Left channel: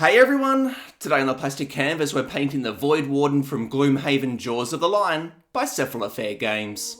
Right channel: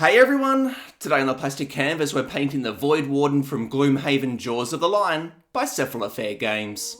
Hey everyone! Today on the plastic canvas we're painting the Voidwarden from Gloomhaven Jaws of the Lion by Cephalofair Games.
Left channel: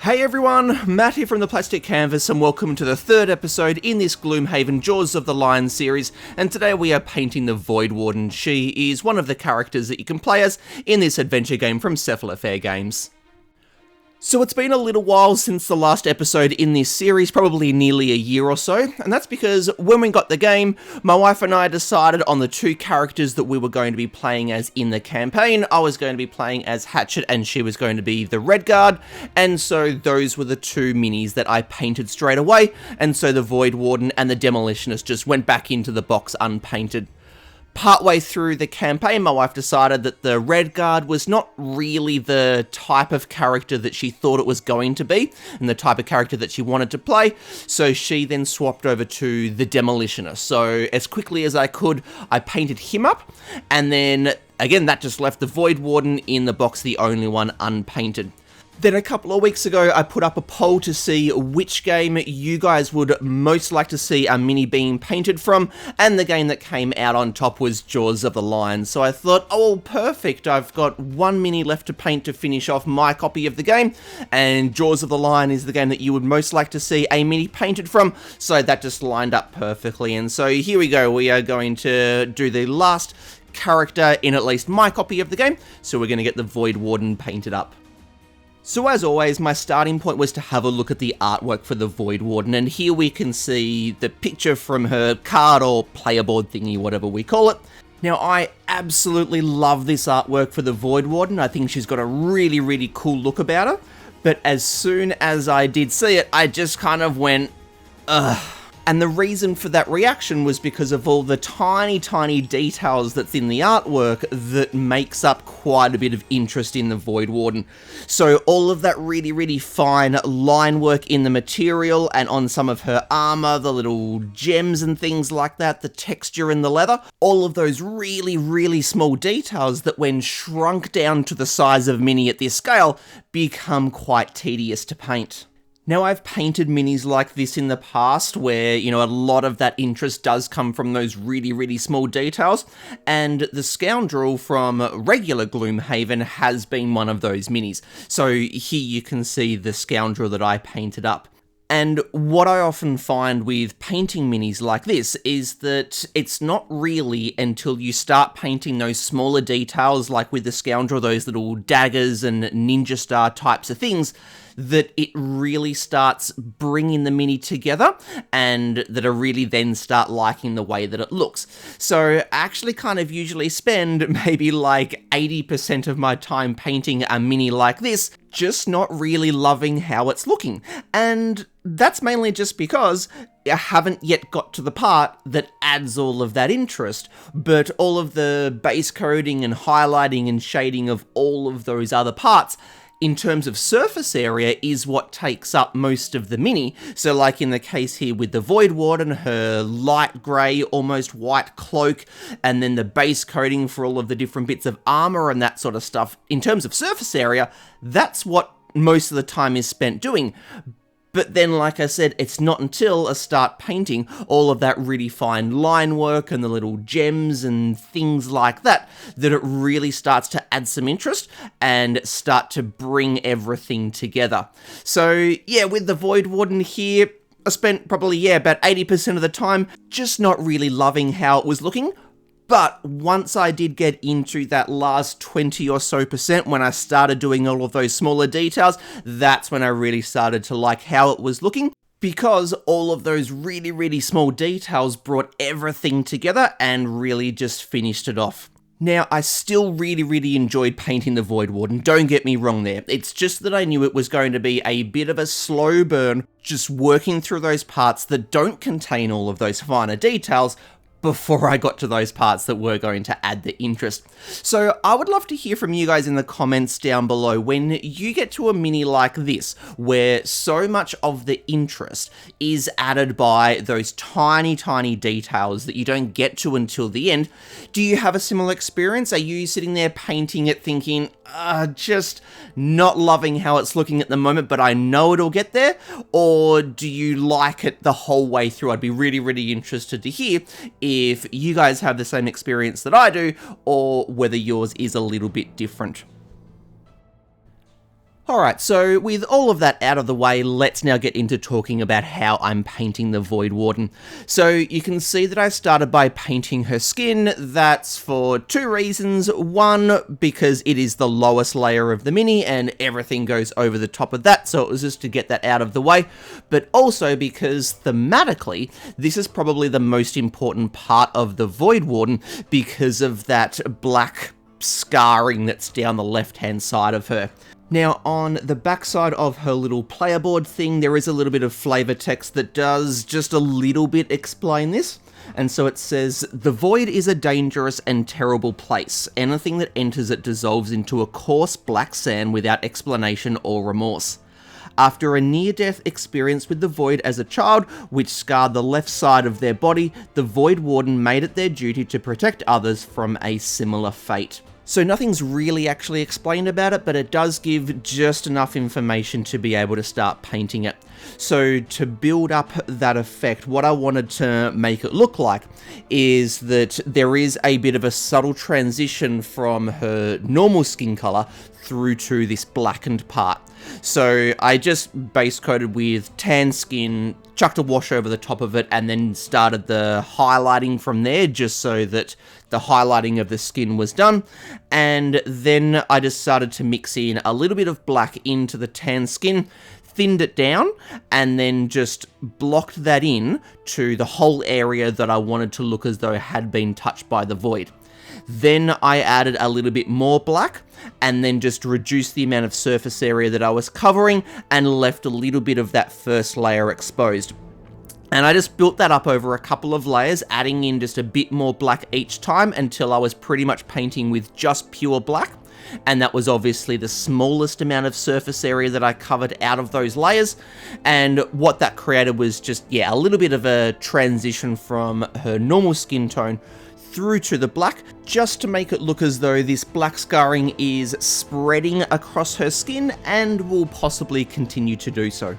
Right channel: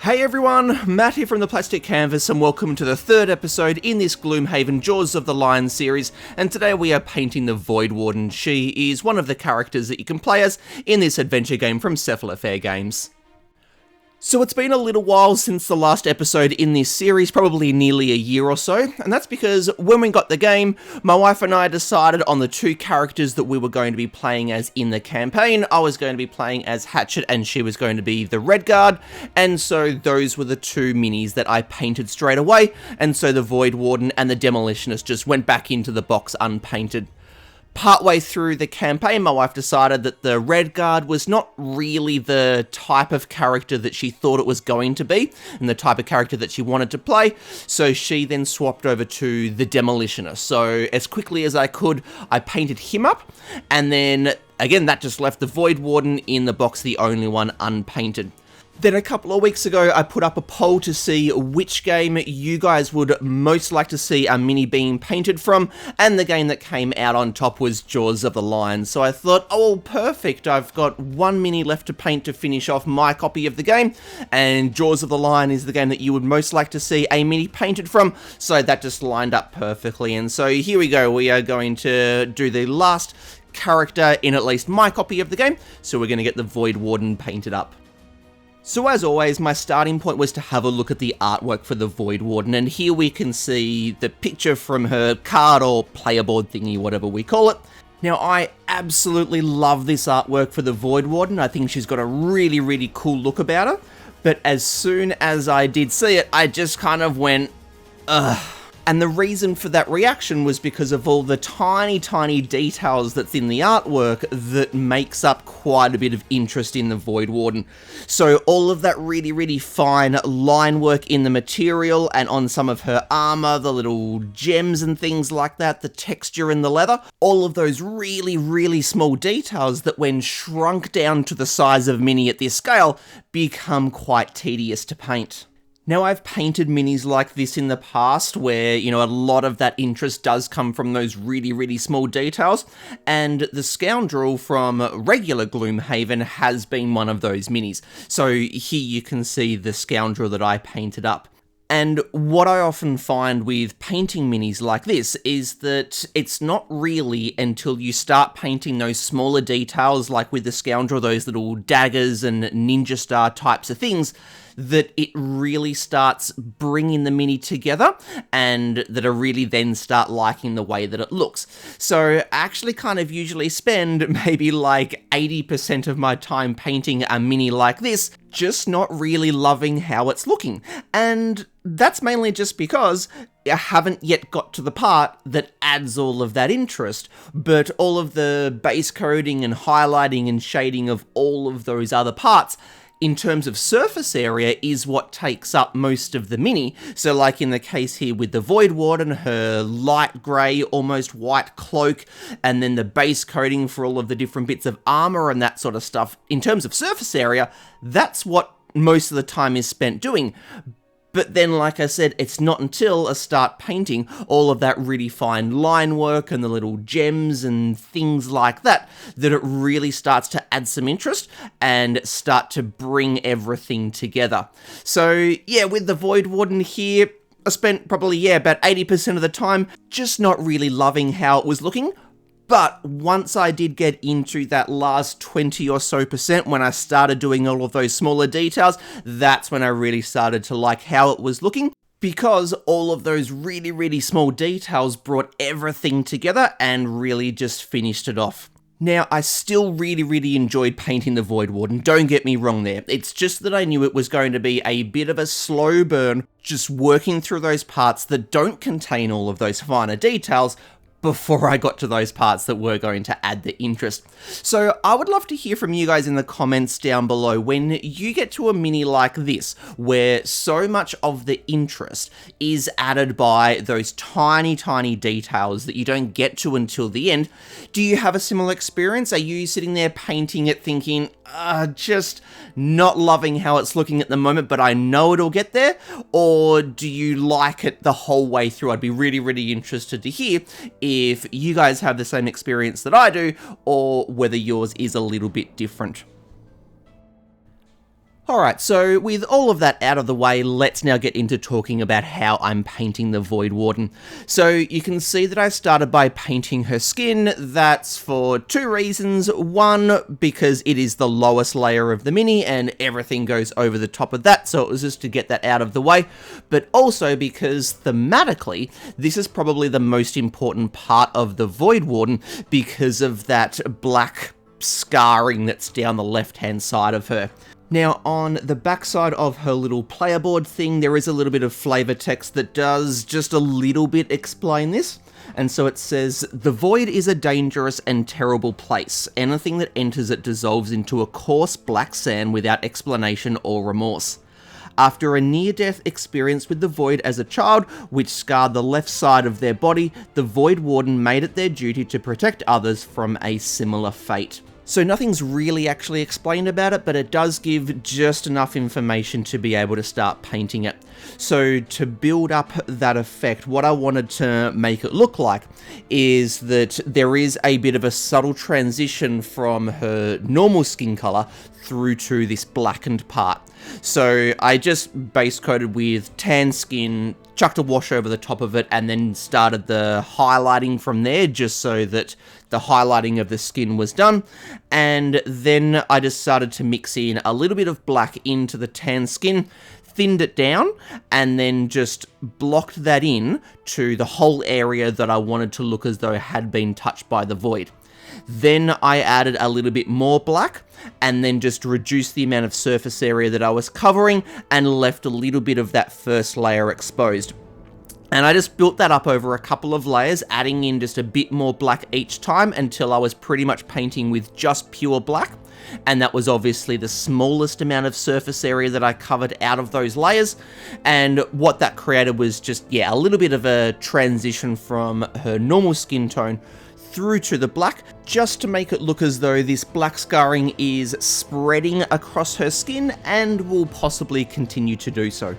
Hey everyone, Matt here from the Plastic Canvas and welcome to the third episode in this Gloomhaven Jaws of the Lion series, and today we are painting the Voidwarden. She is one of the characters that you can play as in this adventure game from Cephalofair Games. So it's been a little while since the last episode in this series, probably nearly a year or so, and that's because when we got the game, my wife and I decided on the two characters that we were going to be playing as in the campaign. I was going to be playing as Hatchet and she was going to be the Red Guard, and so those were the two minis that I painted straight away, and so the Voidwarden and the Demolitionist just went back into the box unpainted. Partway through the campaign, my wife decided that the Red Guard was not really the type of character that she thought it was going to be, and the type of character that she wanted to play, so she then swapped over to the Demolitionist. So as quickly as I could, I painted him up, and then again that just left the Voidwarden in the box, the only one unpainted. Then a couple of weeks ago, I put up a poll to see which game you guys would most like to see a mini being painted from, and the game that came out on top was Jaws of the Lion. So I thought, oh perfect, I've got one mini left to paint to finish off my copy of the game, and Jaws of the Lion is the game that you would most like to see a mini painted from, so that just lined up perfectly. And so here we go, we are going to do the last character in at least my copy of the game, so we're going to get the Voidwarden painted up. So as always, my starting point was to have a look at the artwork for the Voidwarden, and here we can see the picture from her card or player board thingy, whatever we call it. Now, I absolutely love this artwork for the Voidwarden. I think she's got a really cool look about her, but as soon as I did see it, I just kind of went, ugh. And the reason for that reaction was because of all the tiny details that's in the artwork that makes up quite a bit of interest in the Voidwarden. So all of that really fine line work in the material and on some of her armor, the little gems and things like that, the texture in the leather, all of those really small details that when shrunk down to the size of mini at this scale become quite tedious to paint. Now, I've painted minis like this in the past where, you know, a lot of that interest does come from those really small details, and the Scoundrel from regular Gloomhaven has been one of those minis. So here you can see the Scoundrel that I painted up. And what I often find with painting minis like this is that it's not really until you start painting those smaller details, like with the Scoundrel, those little daggers and ninja star types of things, that it really starts bringing the mini together, and that I really then start liking the way that it looks. So I actually kind of usually spend maybe like 80% of my time painting a mini like this, just not really loving how it's looking. And that's mainly just because I haven't yet got to the part that adds all of that interest, but all of the base coating and highlighting and shading of all of those other parts in terms of surface area is what takes up most of the mini. So like in the case here with the Voidwarden, her light grey, almost white cloak, and then the base coating for all of the different bits of armor and that sort of stuff, in terms of surface area, that's what most of the time is spent doing. But then, like I said, it's not until I start painting all of that really fine line work and the little gems and things like that, that it really starts to add some interest and start to bring everything together. So yeah, with the Voidwarden here, I spent probably, about 80% of the time just not really loving how it was looking. But once I did get into that last 20 or so percent, when I started doing all of those smaller details, that's when I really started to like how it was looking, because all of those really small details brought everything together and really just finished it off. Now, I still really enjoyed painting the Voidwarden, don't get me wrong there. It's just that I knew it was going to be a bit of a slow burn, just working through those parts that don't contain all of those finer details, before I got to those parts that were going to add the interest. So I would love to hear from you guys in the comments down below when you get to a mini like this, where so much of the interest is added by those tiny details that you don't get to until the end. Do you have a similar experience? Are you sitting there painting it thinking, just not loving how it's looking at the moment, but I know it'll get there? Or do you like it the whole way through? I'd be really interested to hear if you guys have the same experience that I do, or whether yours is a little bit different. Alright, so with all of that out of the way, let's now get into talking about how I'm painting the Voidwarden. So you can see that I started by painting her skin. That's for two reasons. One, because it is the lowest layer of the mini and everything goes over the top of that, so it was just to get that out of the way. But also because thematically, this is probably the most important part of the Voidwarden because of that black scarring that's down the left-hand side of her. Now, on the backside of her little player board thing, there is a little bit of flavor text that does just a little bit explain this. And so it says, "The void is a dangerous and terrible place. Anything that enters it dissolves into a coarse black sand without explanation or remorse. After a near-death experience with the void as a child, which scarred the left side of their body, the Voidwarden made it their duty to protect others from a similar fate." So nothing's really actually explained about it, but it does give just enough information to be able to start painting it. So to build up that effect, what I wanted to make it look like is that there is a bit of a subtle transition from her normal skin color through to this blackened part. So I just base coated with tan skin, chucked a wash over the top of it, and then started the highlighting from there, just so that the highlighting of the skin was done. And then I just started to mix in a little bit of black into the tan skin, thinned it down, and then just blocked that in to the whole area that I wanted to look as though it had been touched by the void. Then I added a little bit more black, and then just reduced the amount of surface area that I was covering, and left a little bit of that first layer exposed. And I just built that up over a couple of layers, adding in just a bit more black each time until I was pretty much painting with just pure black. And that was obviously the smallest amount of surface area that I covered out of those layers. And what that created was just, a little bit of a transition from her normal skin tone through to the black, just to make it look as though this black scarring is spreading across her skin and will possibly continue to do so.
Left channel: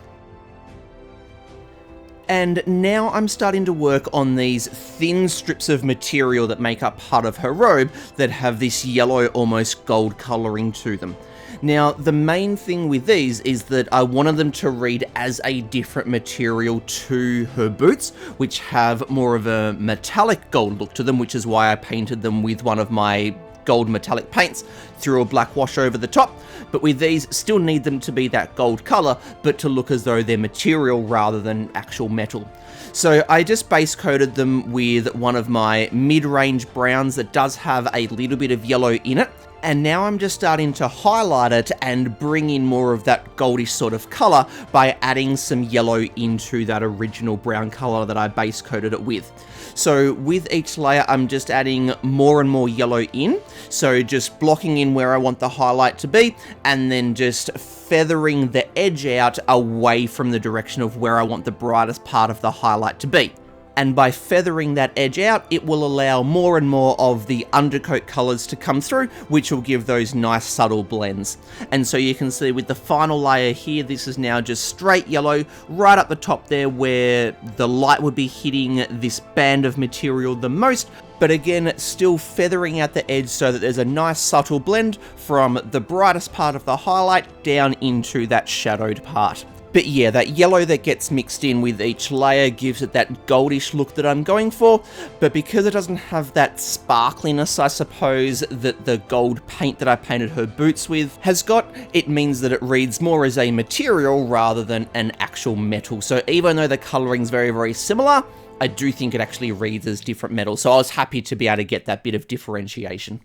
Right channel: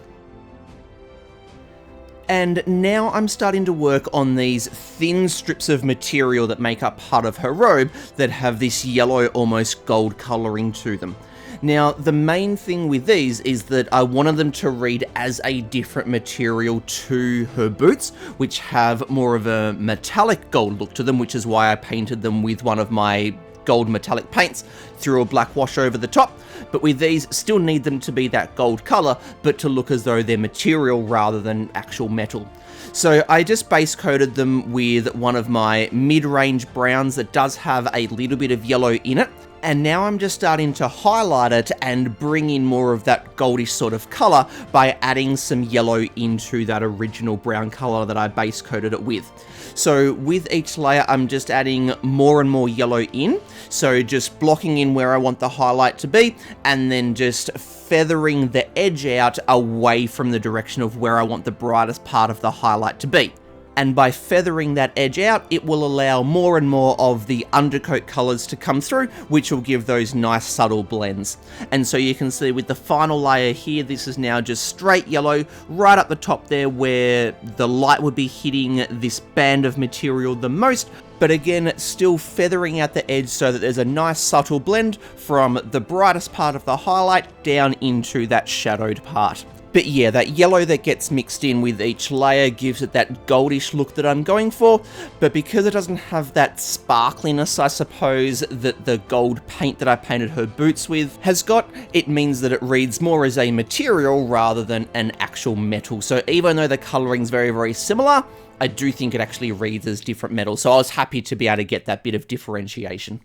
And now I'm starting to work on these thin strips of material that make up part of her robe that have this yellow, almost gold colouring to them. Now, the main thing with these is that I wanted them to read as a different material to her boots, which have more of a metallic gold look to them, which is why I painted them with one of my gold metallic paints, threw a black wash over the top. But with these, still need them to be that gold color, but to look as though they're material rather than actual metal. So I just base coated them with one of my mid-range browns that does have a little bit of yellow in it. And now I'm just starting to highlight it and bring in more of that goldish sort of color by adding some yellow into that original brown color that I base coated it with. So with each layer, I'm just adding more and more yellow in. So just blocking in where I want the highlight to be, and then just feathering the edge out away from the direction of where I want the brightest part of the highlight to be. And by feathering that edge out, it will allow more and more of the undercoat colors to come through, which will give those nice subtle blends. And so you can see with the final layer here, this is now just straight yellow right up the top there where the light would be hitting this band of material the most. But again, still feathering out the edge so that there's a nice subtle blend from the brightest part of the highlight down into that shadowed part. But yeah, that yellow that gets mixed in with each layer gives it that goldish look that I'm going for, but because it doesn't have that sparkliness, I suppose, that the gold paint that I painted her boots with has got, it means that it reads more as a material rather than an actual metal. So even though the coloring's very similar, I do think it actually reads as different metal, so I was happy to be able to get that bit of differentiation.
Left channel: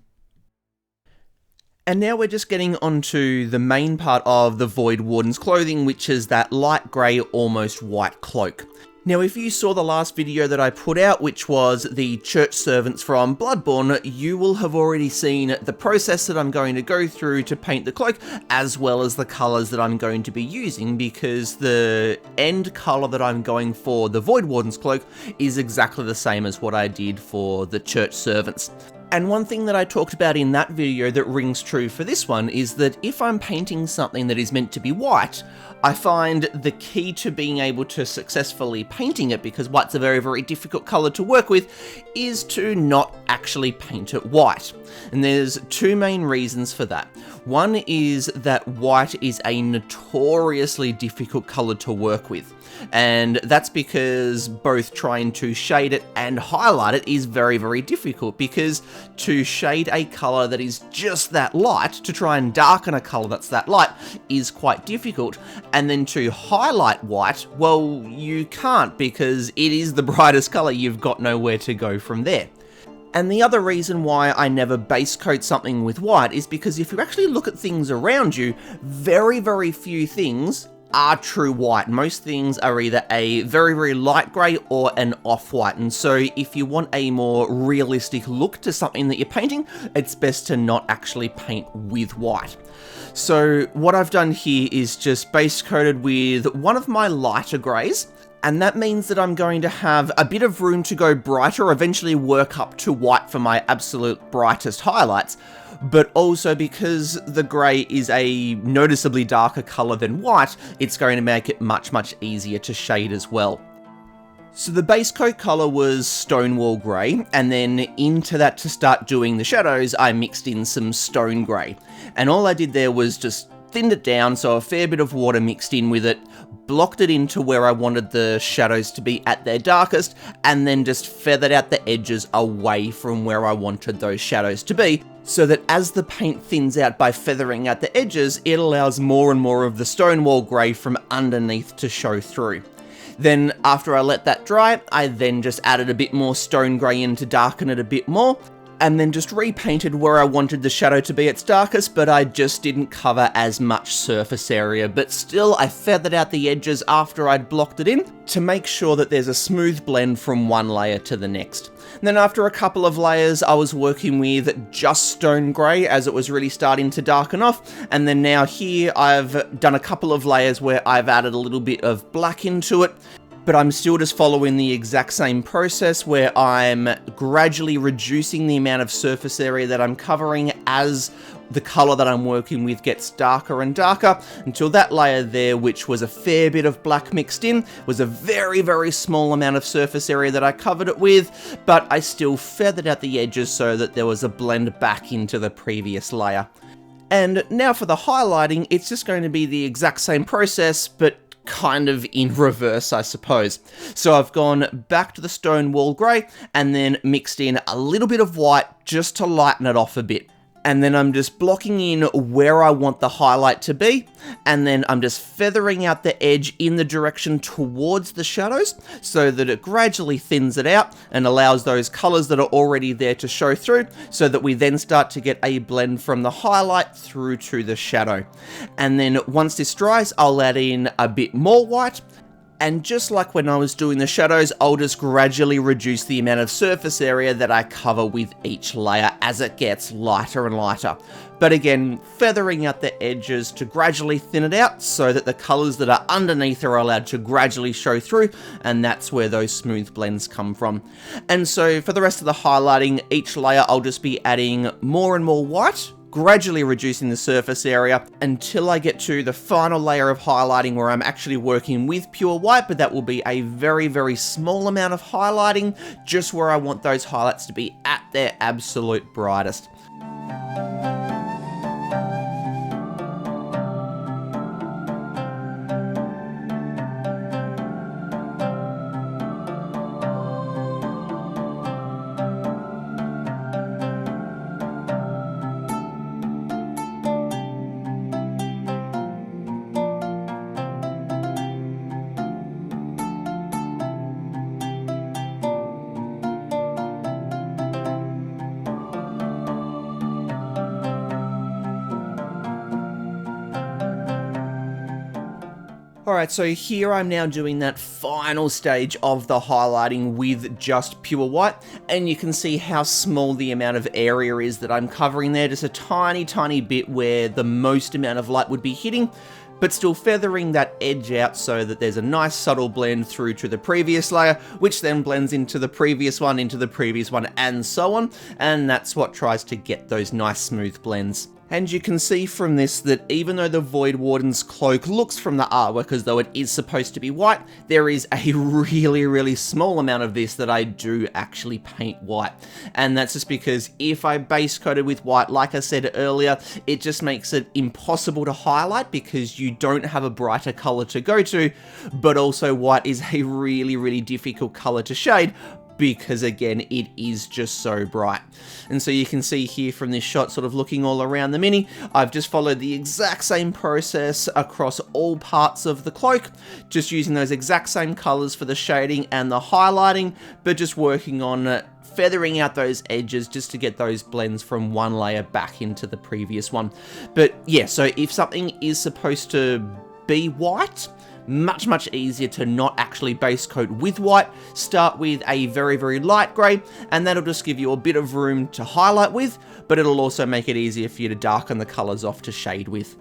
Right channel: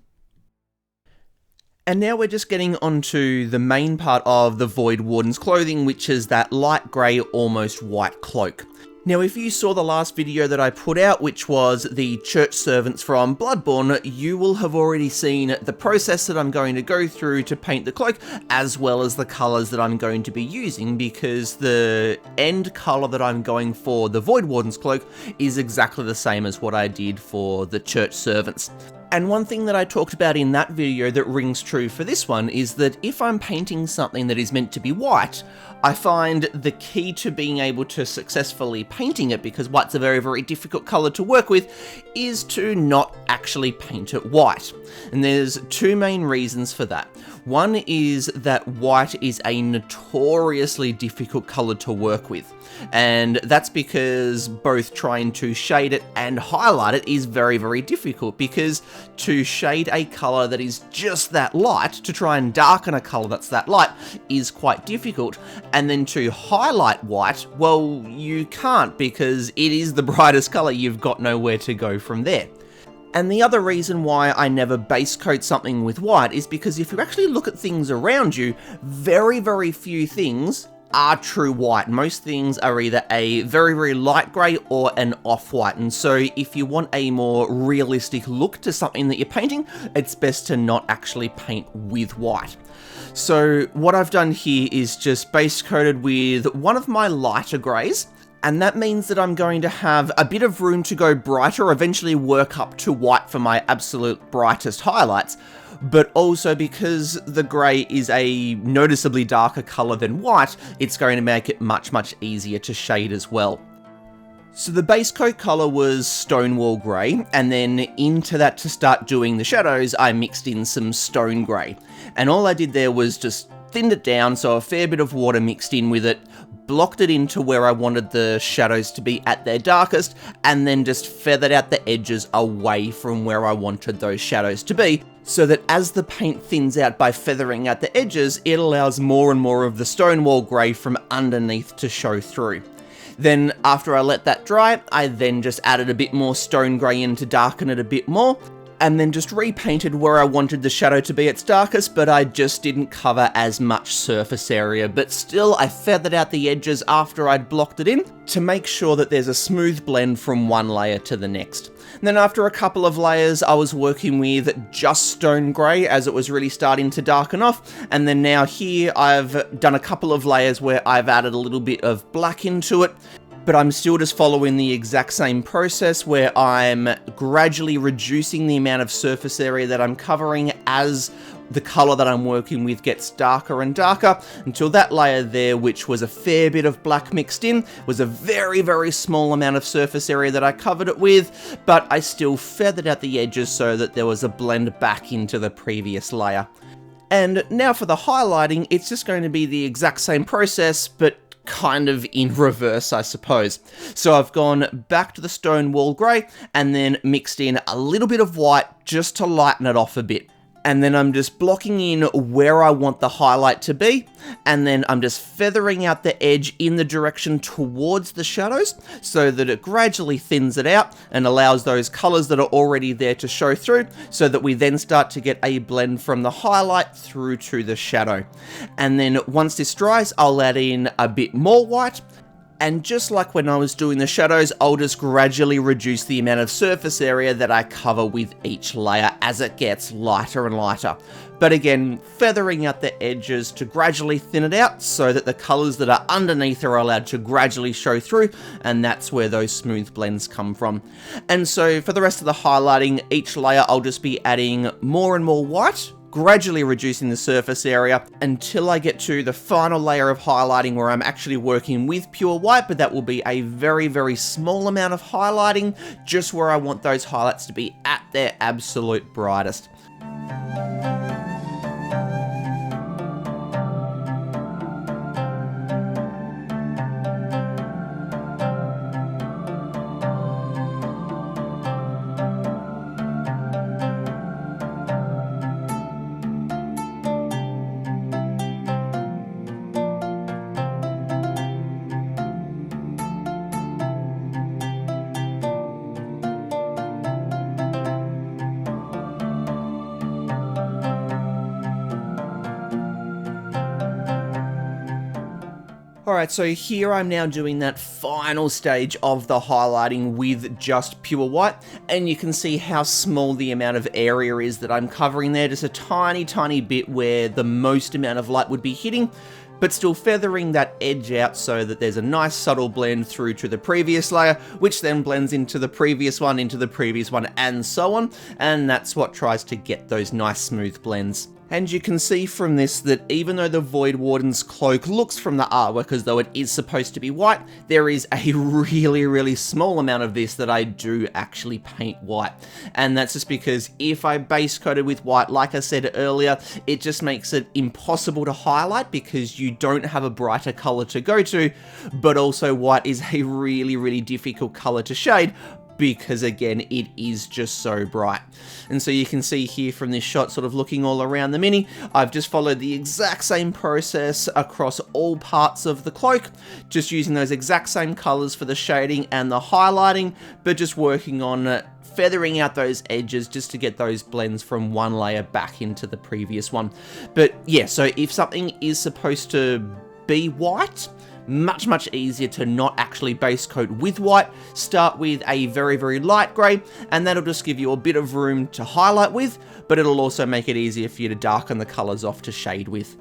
And now we're just getting onto the main part of the Voidwarden's clothing, which is that light grey, almost white cloak. Now, if you saw the last video that I put out, which was the church servants from Bloodborne, you will have already seen the process that I'm going to go through to paint the cloak, as well as the colours that I'm going to be using, because the end colour that I'm going for the Voidwarden's cloak is exactly the same as what I did for the church servants. And one thing that I talked about in that video that rings true for this one is that if I'm painting something that is meant to be white, I find the key to being able to successfully painting it, because white's a very, very difficult colour to work with, is to not actually paint it white. And there's two main reasons for that. One is that white is a notoriously difficult colour to work with. And that's because both trying to shade it and highlight it is very, very difficult, because to shade a colour that is just that light, to try and darken a colour that's that light, is quite difficult. And then to highlight white, well, you can't, because it is the brightest colour. You've got nowhere to go from there. And the other reason why I never base coat something with white is because if you actually look at things around you, very, very few things are true white. Most things are either a very, very light grey or an off-white. And so if you want a more realistic look to something that you're painting, it's best to not actually paint with white. So what I've done here is just base coated with one of my lighter greys. And that means that I'm going to have a bit of room to go brighter, eventually work up to white for my absolute brightest highlights. But also because the grey is a noticeably darker colour than white, it's going to make it much, much easier to shade as well. So the base coat colour was Stonewall Grey, and then into that, to start doing the shadows, I mixed in some Stone Grey. And all I did there was just thinned it down, so a fair bit of water mixed in with it, blocked it into where I wanted the shadows to be at their darkest, and then just feathered out the edges away from where I wanted those shadows to be, so that as the paint thins out by feathering out the edges, it allows more and more of the Stonewall Grey from underneath to show through. Then after I let that dry, I then just added a bit more Stone Grey in to darken it a bit more, and then just repainted where I wanted the shadow to be its darkest, but I just didn't cover as much surface area. But still, I feathered out the edges after I'd blocked it in to make sure that there's a smooth blend from one layer to the next. And then after a couple of layers, I was working with just Stone Grey as it was really starting to darken off. And then now here, I've done a couple of layers where I've added a little bit of black into it. But I'm still just following the exact same process where I'm gradually reducing the amount of surface area that I'm covering as the colour that I'm working with gets darker and darker, until that layer there, which was a fair bit of black mixed in, was a very, very small amount of surface area that I covered it with, but I still feathered out the edges so that there was a blend back into the previous layer. And now for the highlighting, it's just going to be the exact same process, but kind of in reverse, I suppose. So I've gone back to the Stonewall Grey and then mixed in a little bit of white just to lighten it off a bit. And then I'm just blocking in where I want the highlight to be, and then I'm just feathering out the edge in the direction towards the shadows so that it gradually thins it out and allows those colours that are already there to show through, so that we then start to get a blend from the highlight through to the shadow. And then once this dries, I'll add in a bit more white. And just like when I was doing the shadows, I'll just gradually reduce the amount of surface area that I cover with each layer as it gets lighter and lighter. But again, feathering out the edges to gradually thin it out so that the colours that are underneath are allowed to gradually show through, and that's where those smooth blends come from. And so for the rest of the highlighting, each layer I'll just be adding more and more white, gradually reducing the surface area until I get to the final layer of highlighting where I'm actually working with pure white, but that will be a very, very small amount of highlighting, just where I want those highlights to be at their absolute brightest. Alright, so here I'm now doing that final stage of the highlighting with just pure white, and you can see how small the amount of area is that I'm covering there, just a tiny bit where the most amount of light would be hitting, but still feathering that edge out so that there's a nice subtle blend through to the previous layer, which then blends into the previous one, and so on, and that's what tries to get those nice smooth blends. And you can see from this that even though the Voidwarden's cloak looks from the artwork as though it is supposed to be white, there is a really small amount of this that I do actually paint white. And that's just because if I base coat it with white, like I said earlier, it just makes it impossible to highlight because you don't have a brighter color to go to, but also white is a really difficult color to shade, because again, it is just so bright. And so you can see here from this shot, sort of looking all around the mini, I've just followed the exact same process across all parts of the cloak, just using those exact same colors for the shading and the highlighting, but just working on feathering out those edges just to get those blends from one layer back into the previous one. But yeah, so if something is supposed to be white, much easier to not actually base coat with white. Start with a very light grey, and that'll just give you a bit of room to highlight with, but it'll also make it easier for you to darken the colours off to shade with.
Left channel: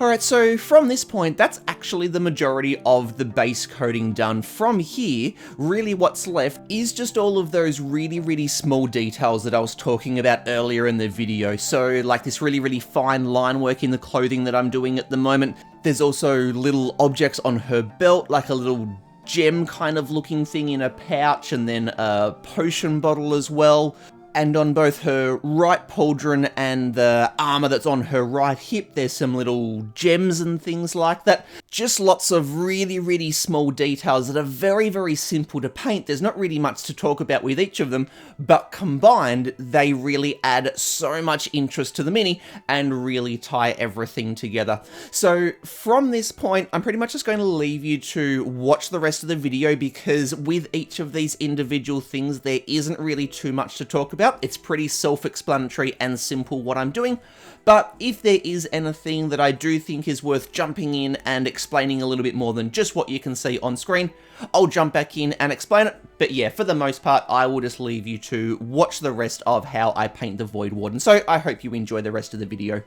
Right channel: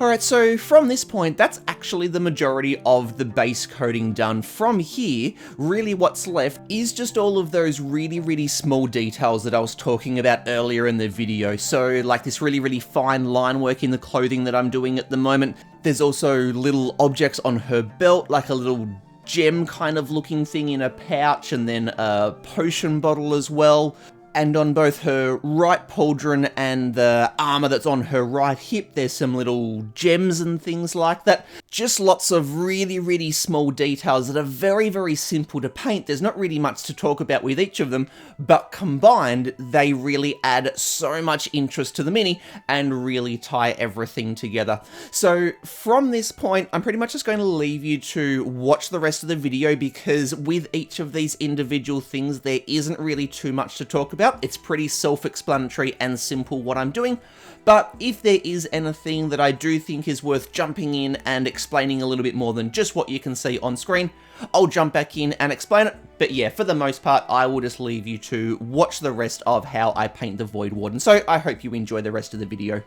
Alright, so from this point, that's actually the majority of the base coating done. From here, really what's left is just all of those really small details that I was talking about earlier in the video. So like this really fine line work in the clothing that I'm doing at the moment. There's also little objects on her belt, like a little gem kind of looking thing in a pouch, and then a potion bottle as well. And on both her right pauldron and the armor that's on her right hip, there's some little gems and things like that. Just lots of really small details that are very simple to paint. There's not really much to talk about with each of them, but combined, they really add so much interest to the mini and really tie everything together. So from this point, I'm pretty much just going to leave you to watch the rest of the video, because with each of these individual things, there isn't really too much to talk about. It's pretty self-explanatory and simple what I'm doing, but if there is anything that I do think is worth jumping in and explaining a little bit more than just what you can see on screen, I'll jump back in and explain it. But yeah, for the most part, I will just leave you to watch the rest of how I paint the Voidwarden. So I hope you enjoy the rest of the video.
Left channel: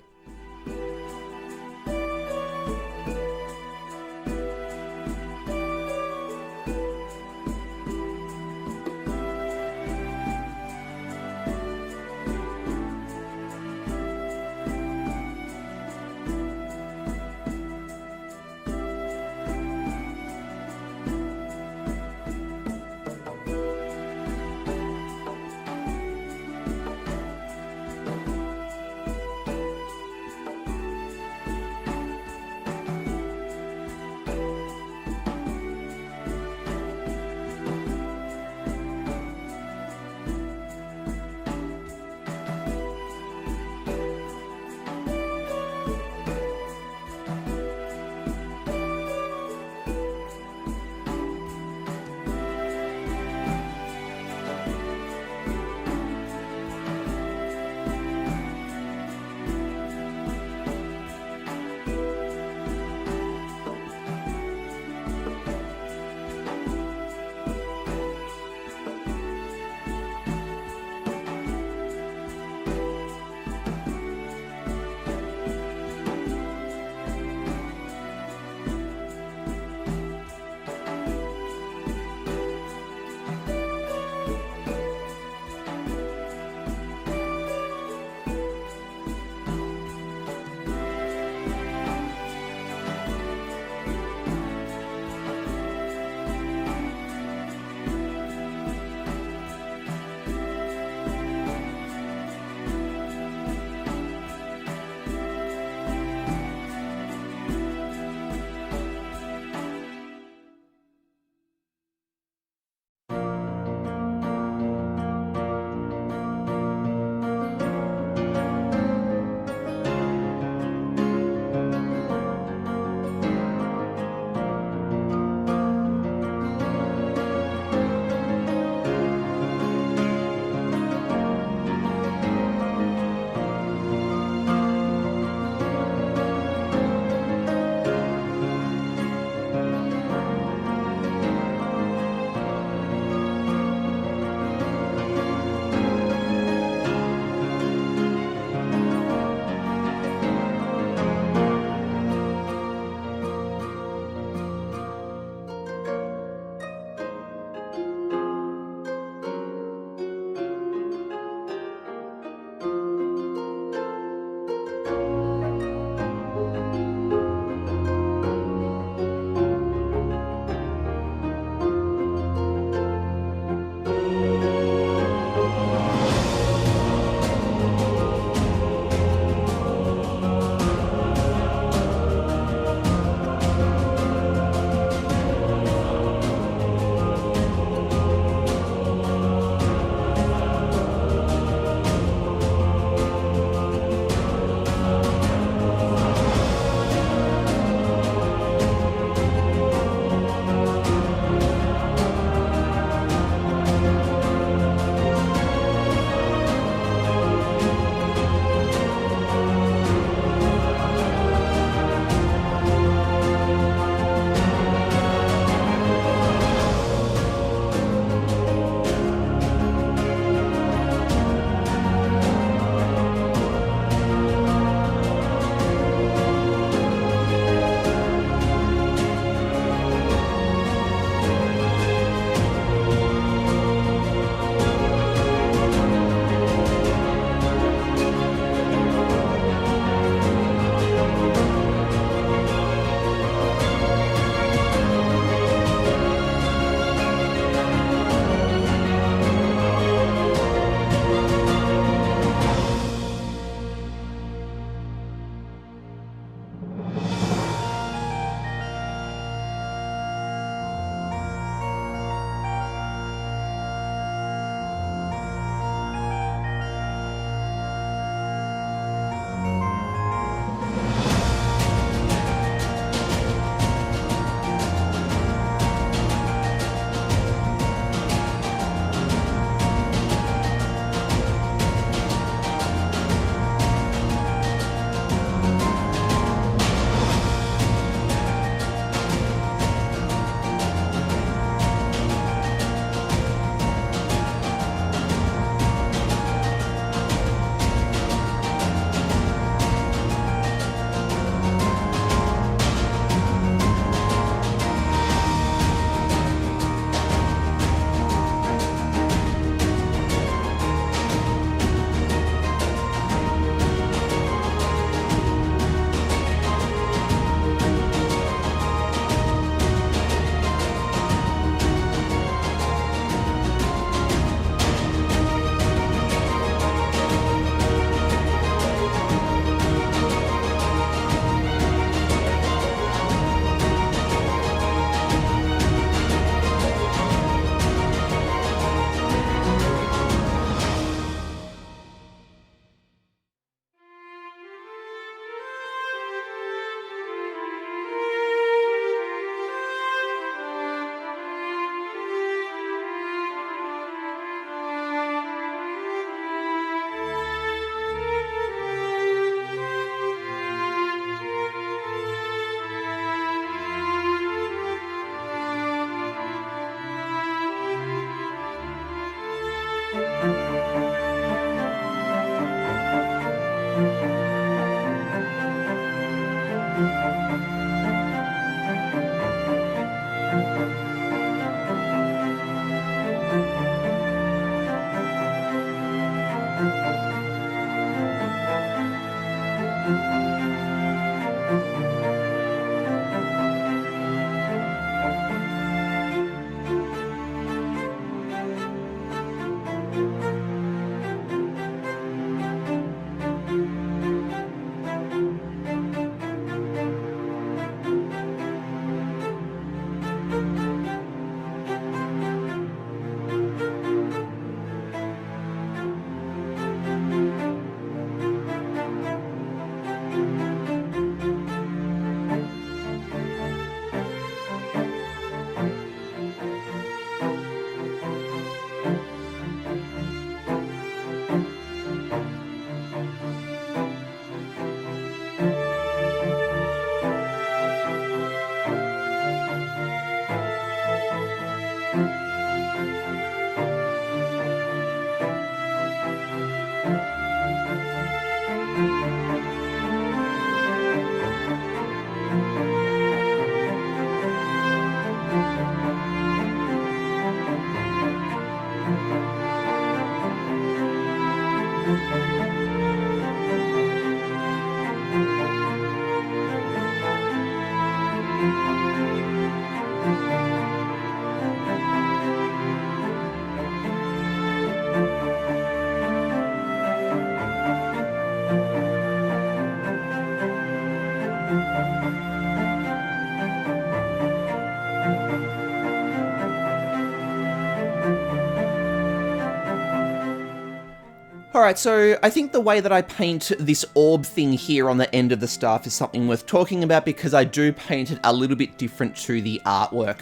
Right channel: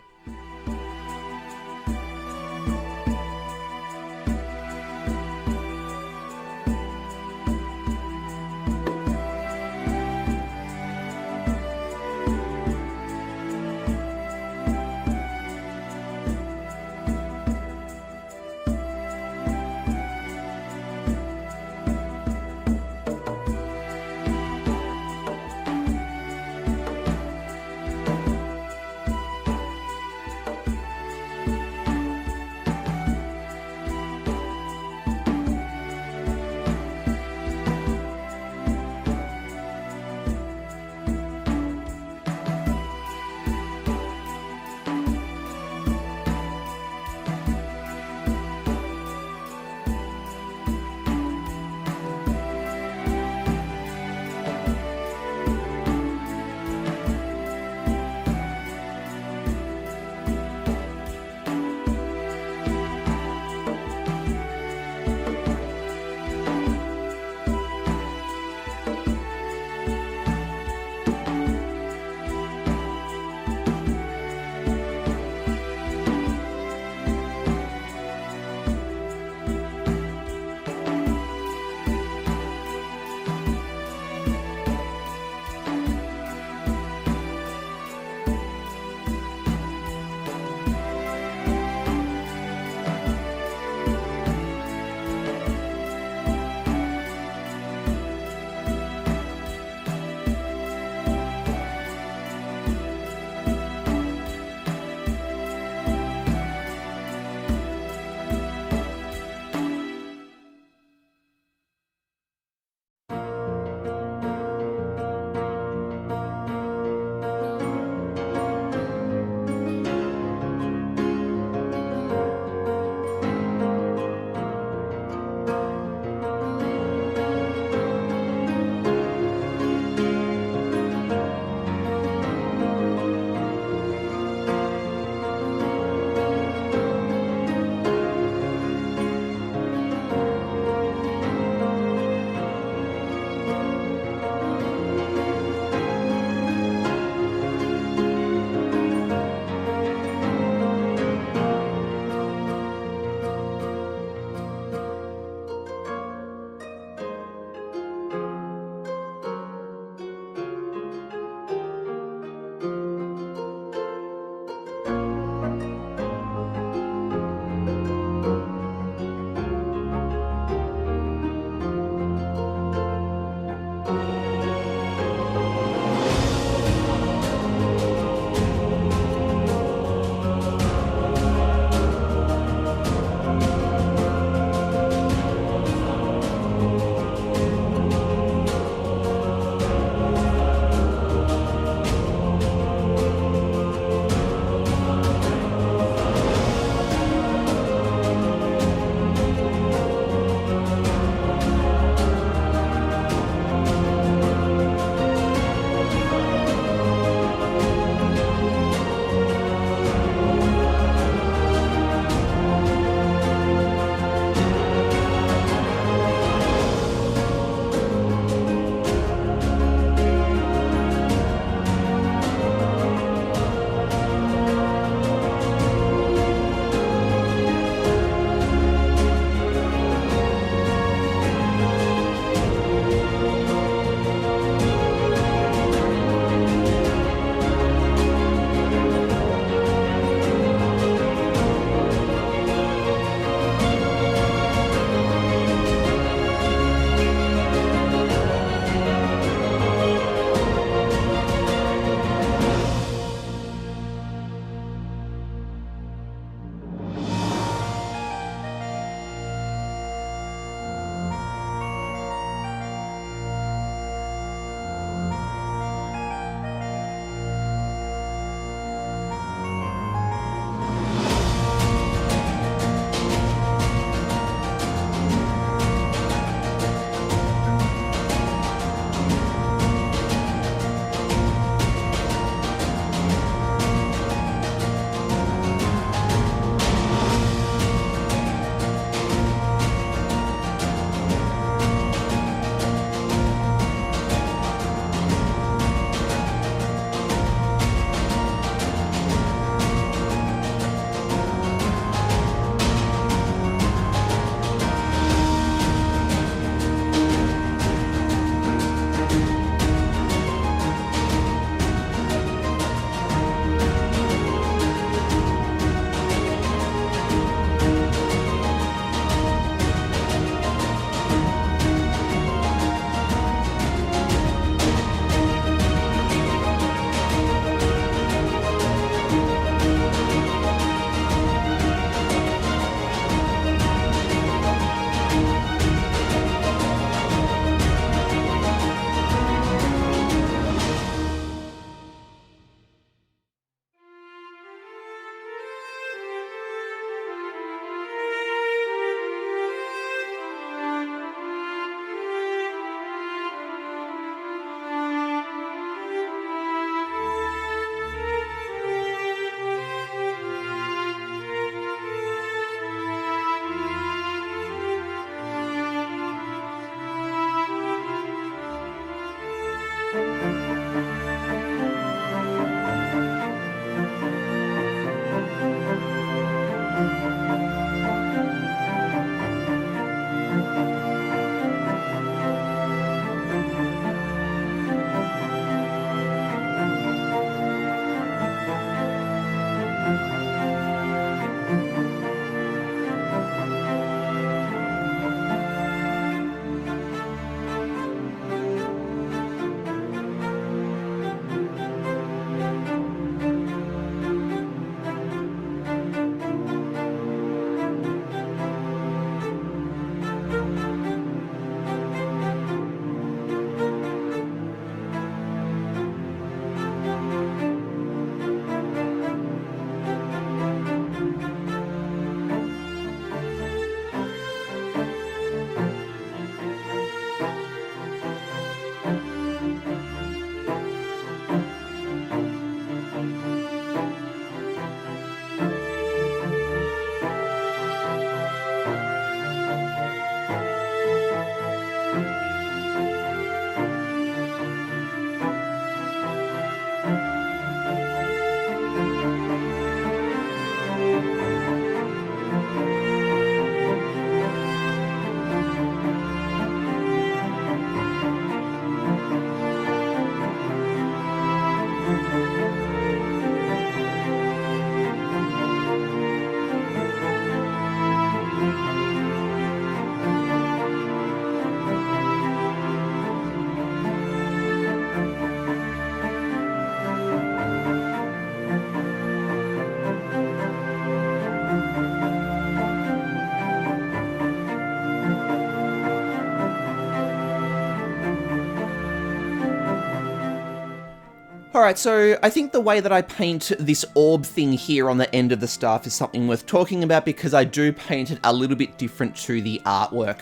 Alright, so I think the way that I paint this orb thing here on the end of the staff is something worth talking about because I do paint it a little bit different to the artwork.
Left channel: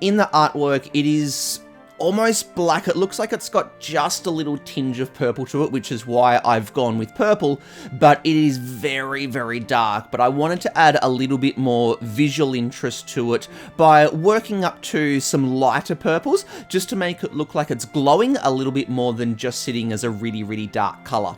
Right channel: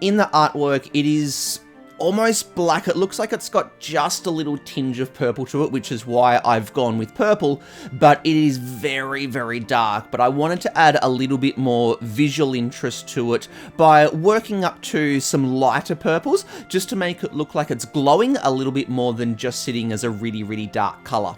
In the artwork, it is almost black. It looks like it's got just a little tinge of purple to it, which is why I've gone with purple, but it is very, very dark. But I wanted to add a little bit more visual interest to it by working up to some lighter purples, just to make it look like it's glowing a little bit more than just sitting as a really, really dark color.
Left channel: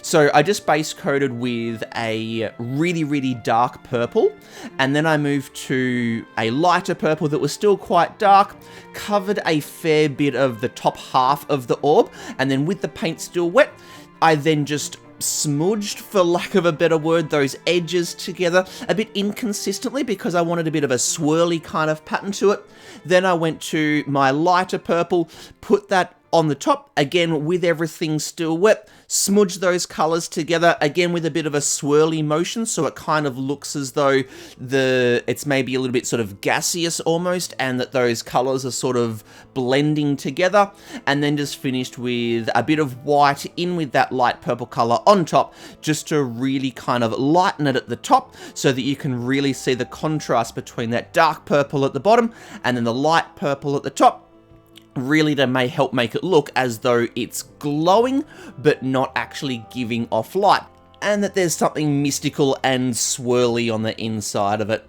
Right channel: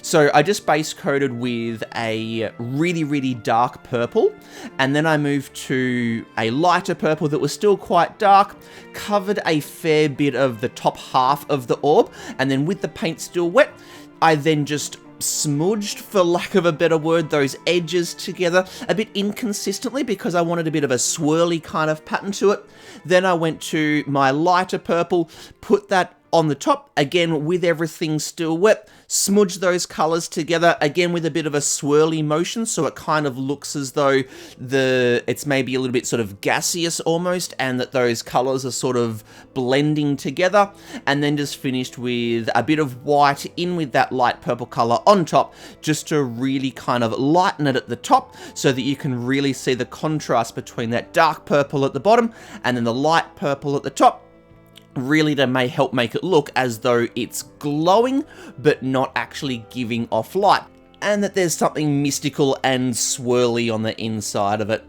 So I just base coated with a really, really dark purple, and then I moved to a lighter purple that was still quite dark, covered a fair bit of the top half of the orb, and then with the paint still wet, I then just smudged, for lack of a better word, those edges together a bit inconsistently because I wanted a bit of a swirly kind of pattern to it. Then I went to my lighter purple, put that on the top, again with everything still wet, smudge those colors together, again with a bit of a swirly motion, so it kind of looks as though it's maybe a little bit sort of gaseous almost, and that those colors are sort of blending together, and then just finished with a bit of white in with that light purple color on top, just to really kind of lighten it at the top, so that you can really see the contrast between that dark purple at the bottom, and then the light purple at the top, really to help make it look as though it's glowing, but not actually giving off light, and that there's something mystical and swirly on the inside of it.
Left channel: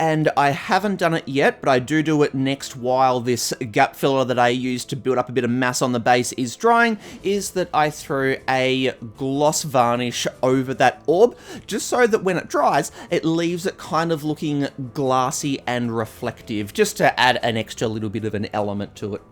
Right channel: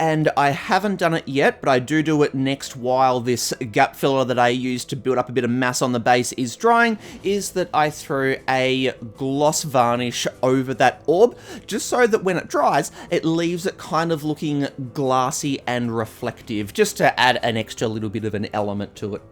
And I haven't done it yet, but I do it next while this gap filler that I use to build up a bit of mass on the base is drying, is that I throw a gloss varnish over that orb, just so that when it dries, it leaves it kind of looking glassy and reflective, just to add an extra little bit of an element to it.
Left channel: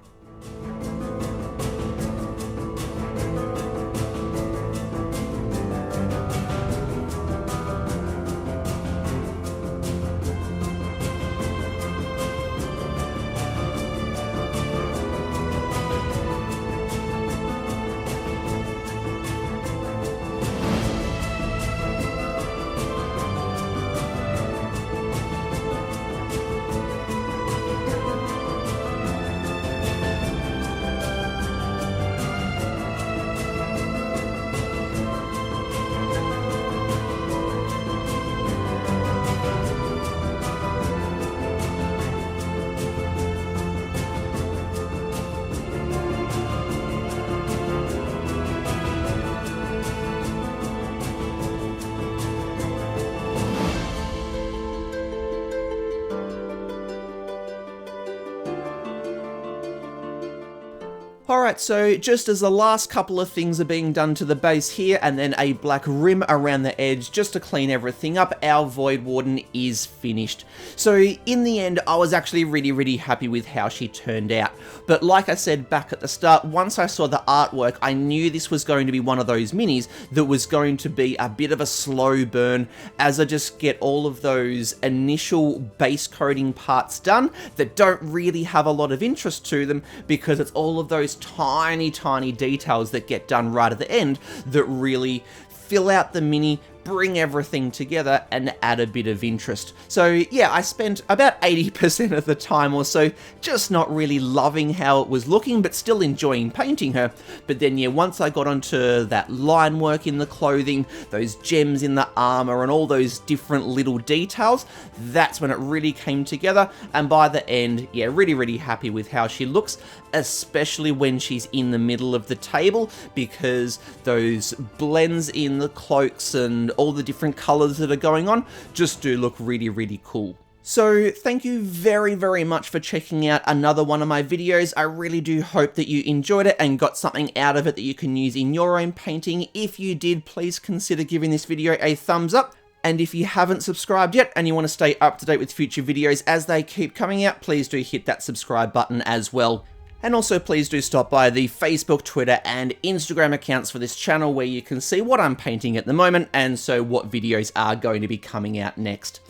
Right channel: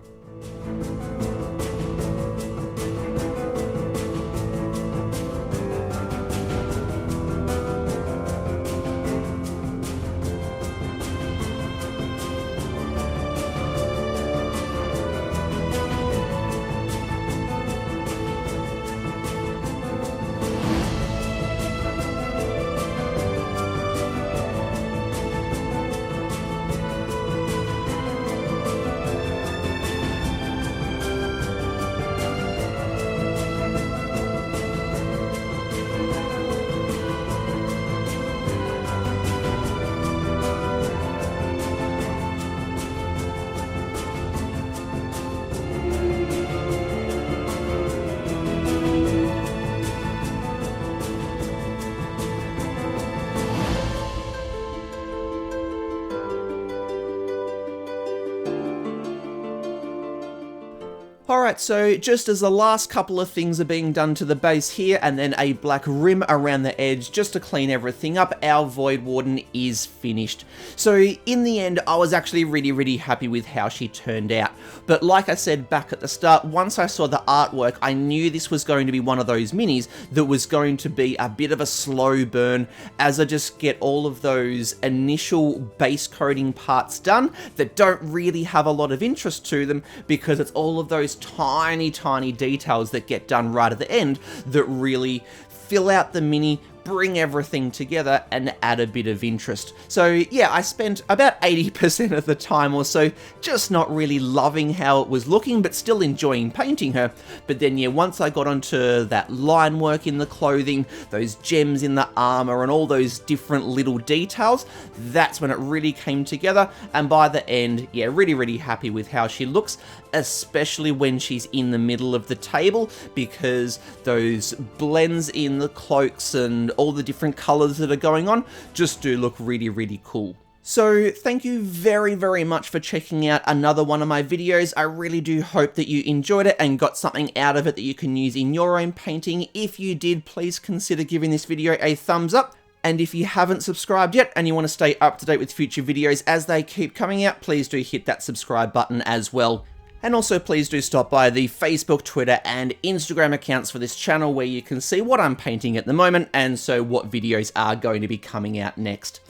Alright, so just as the last couple of things are being done to the base here, and then a black rim around the edge just to clean everything up, our Voidwarden is finished. So in the end, I was actually really happy with how she turned out. But like I said back at the start, once I saw the artwork, I knew this was going to be one of those minis that was going to be a bit of a slow burn as I just get all of those initial base coating parts done that don't really have a lot of interest to them, because it's all of those tiny details that get done right at the end that really fill out the mini, bring everything together, and add a bit of interest. So yeah, I spent about 80% of the time or so just not really loving how it was looking, but still enjoying painting her. But then yeah, once I got onto that line work in the clothing, those gems in the armor, and all those different little details, that's when it really came together. And by the end, yeah, really happy with how she looks, especially when she's in the middle of the table, because those blends in the cloaks and all the different colors that are going on just do look really cool. So thank you very much for checking out another one of my videos. I really do hope that you enjoyed it and got something out of it that you can use in your own painting. If you did, please consider giving this video a thumbs up. And if you haven't subscribed yet and you want to stay up to date with future videos as they keep coming out, please do hit that subscribe button as well. And also please do stop by the Facebook, Twitter, and Instagram accounts for this channel, where you can see what I'm painting at the moment, and so what videos are going to be coming out next.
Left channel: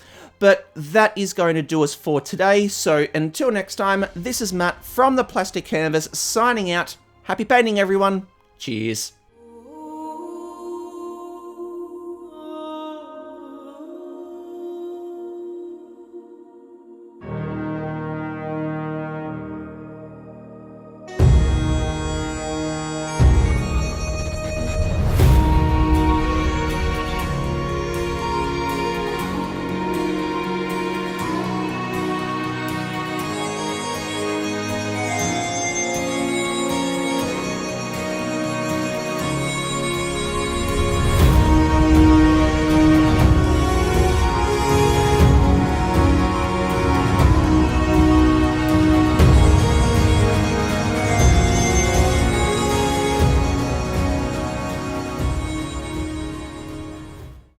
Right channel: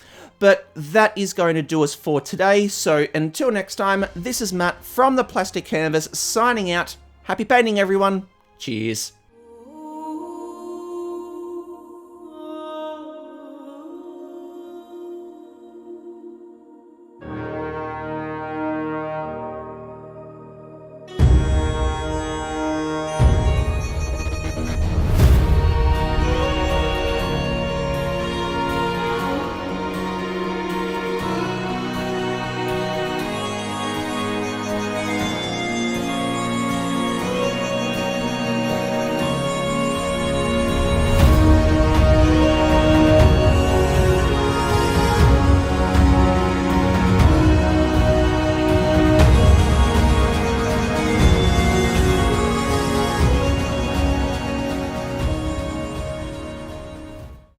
But that is going to do us for today, so until next time, this is Matt from the Plastic Canvas signing out. Happy painting, everyone. Cheers.